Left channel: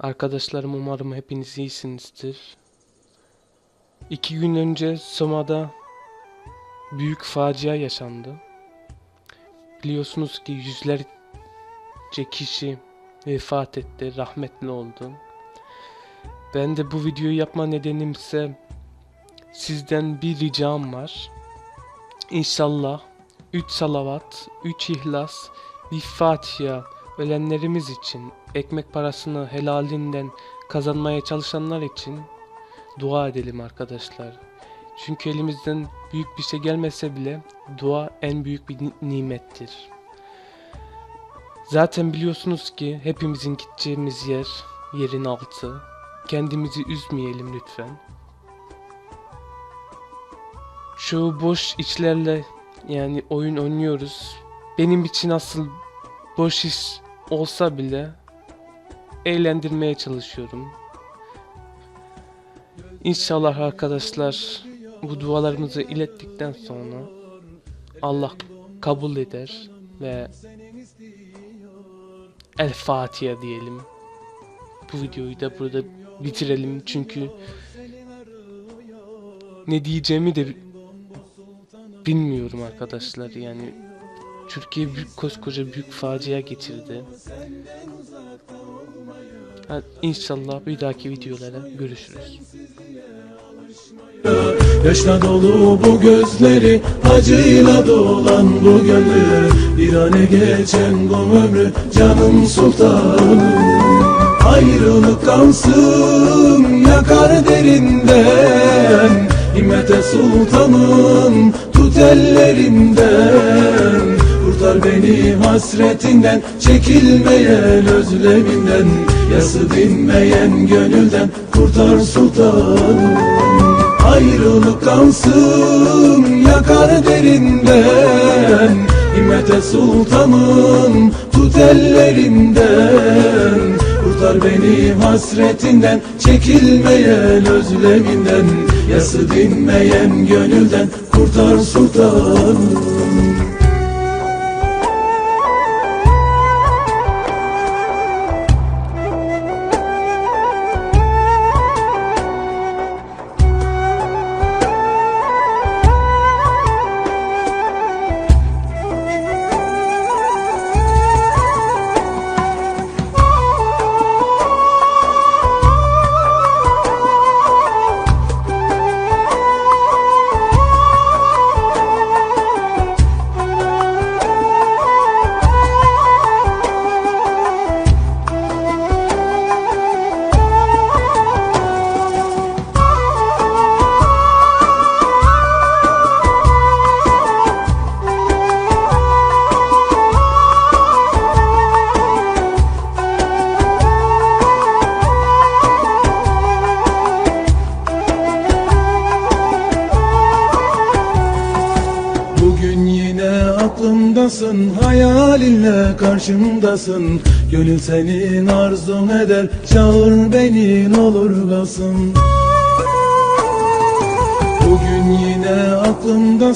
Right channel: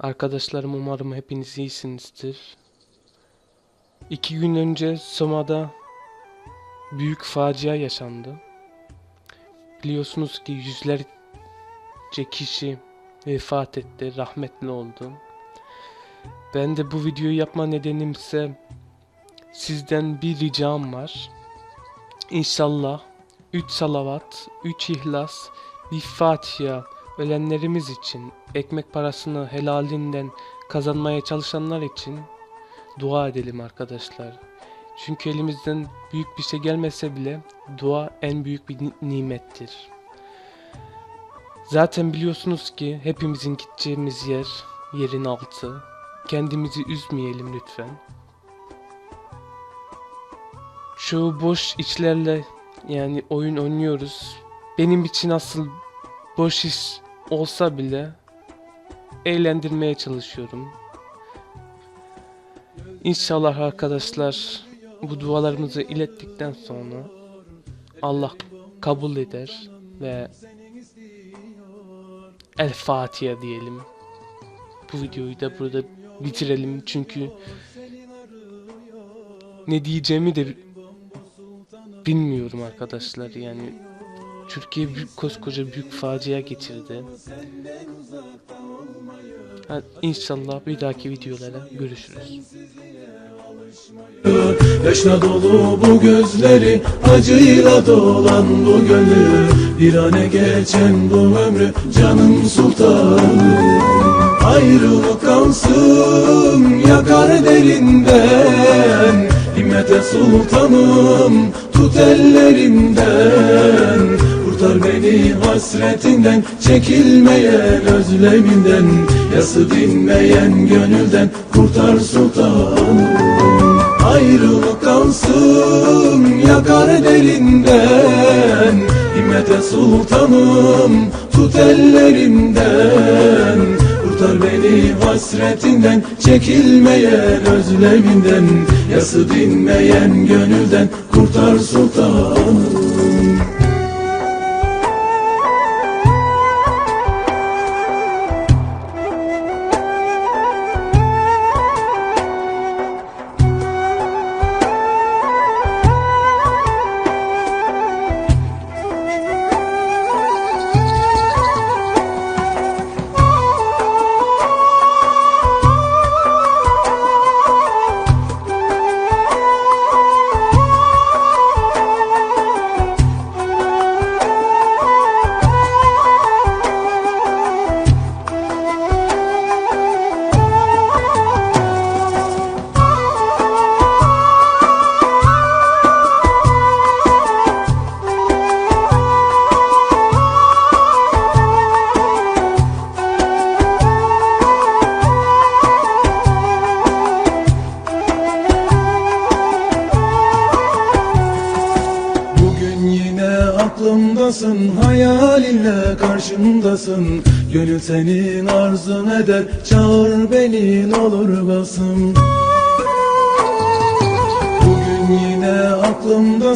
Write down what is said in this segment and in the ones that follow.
Arkadaşlarım umarım hepiniz iyisinizdir. İki gün önce Soma'da büyük facia yaşandı. Biliyorsunuz ki yüzlerce kişi vefat etti, rahmetli oldu. Ben de bu videoyu yapma nedenim ise sizden bir ricam var. İnşallah 3 salavat, 3 ihlas, bir Fatiha ölenlerimiz için, ekmek parasını helalinden kazanmaya çalışanlar için dua edelim arkadaşlar. Çünkü elimizden büyük bir şey gelmese bile dua en büyük bir ni- nimettir. Zaten biliyorsunuz ki hepimizin gideceğimiz yer yerin altı. Kendimizi üzmeyelim lütfen. Şu boş içlerle yani oyun oynuyoruz. Benim için asıl boş iş olsa bile eğlendirmeye çalışıyorum. İnşallah arkadaşlar bu dualarımızı ilettikten sonra Allah kabul eder ve El Fatiha diyelim. Bu videoyu da burada bitirelim çünkü ne diyeceğimi de bi- bilmiyorum arkadaşlar yani Türkiye büyük koskoca büyük facia geçirdi. Ha, İnşallah bir dahaki videolara görüşürüz. Yaşla dolu bu gözleri Acıyla dolan bu gönlü Bir ane geçen bu ömrü Canım sultanım Ayrılık kalsın Yakar derinden Himmete sultanım Tut ellerimden Kurtar beni hasretinden Çekilmeyen özleminden Yası dinmeyen gönülden Kurtar sultanım. Ayrılık kalsın yakar derinden Himmete sultanım tut ellerimden Kurtar beni hasretinden Çekilmeyen özleminden Yası dinmeyen gönülden Kurtar sultanım Hayalinle karşımdasın. Gönül senin arzun eder Çağır beni olur basın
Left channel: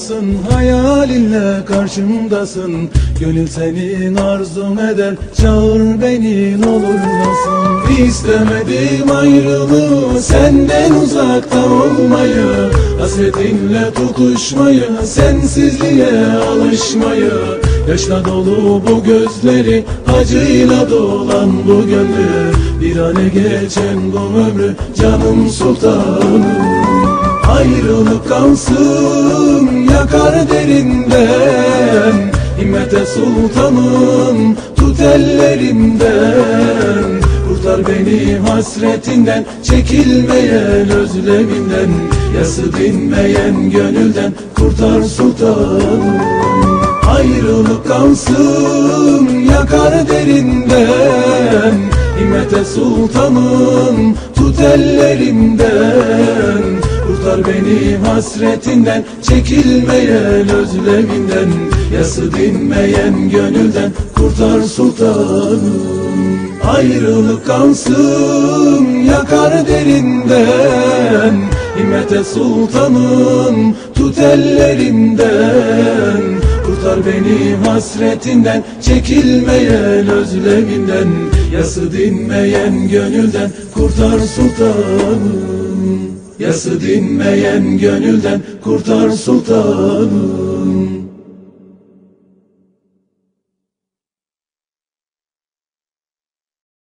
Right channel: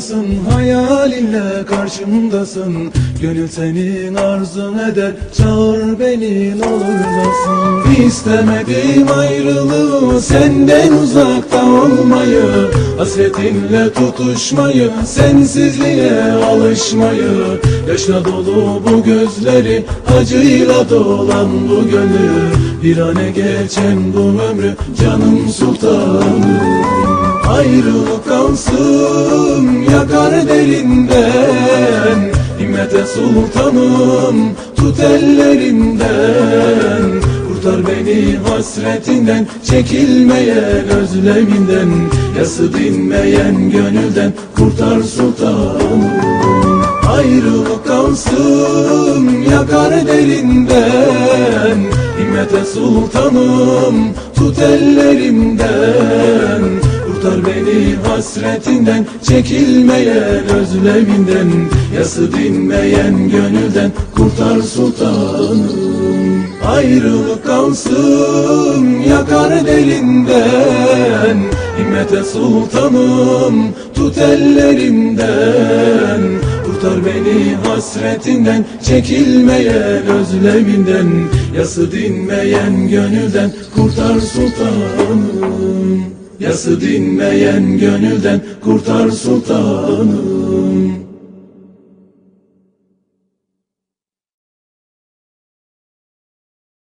aklımdasın Hayalinle karşımdasın. Gönül senin arzun eder Çağır beni ne olur basın İstemedim ayrılığı Senden uzakta olmayı Hasretinle tutuşmayı Sensizliğe alışmayı. Yaşla dolu bu gözleri Acıyla dolan bu gönül Bir ane geçen bu ömrü Canım sultanım. Ayrılık kalsın derinden Himmete sultanım tut ellerimden Kurtar beni hasretinden Çekilmeyen özleminden. Yası dinmeyen gönülden Kurtar sultanım. Ayrılık kalsın yakar derinden. Himmete sultanım tut ellerimden Beni hasretinden Çekilmeyen özleminden Yası dinmeyen gönülden Kurtar sultanım. Ayrılık kalsın yakar derinden Himmete sultanım tut ellerimden Kurtar beni hasretinden Çekilmeyen özleminden Yası dinmeyen gönülden Kurtar sultanım Yası dinmeyen gönülden Kurtar sultanım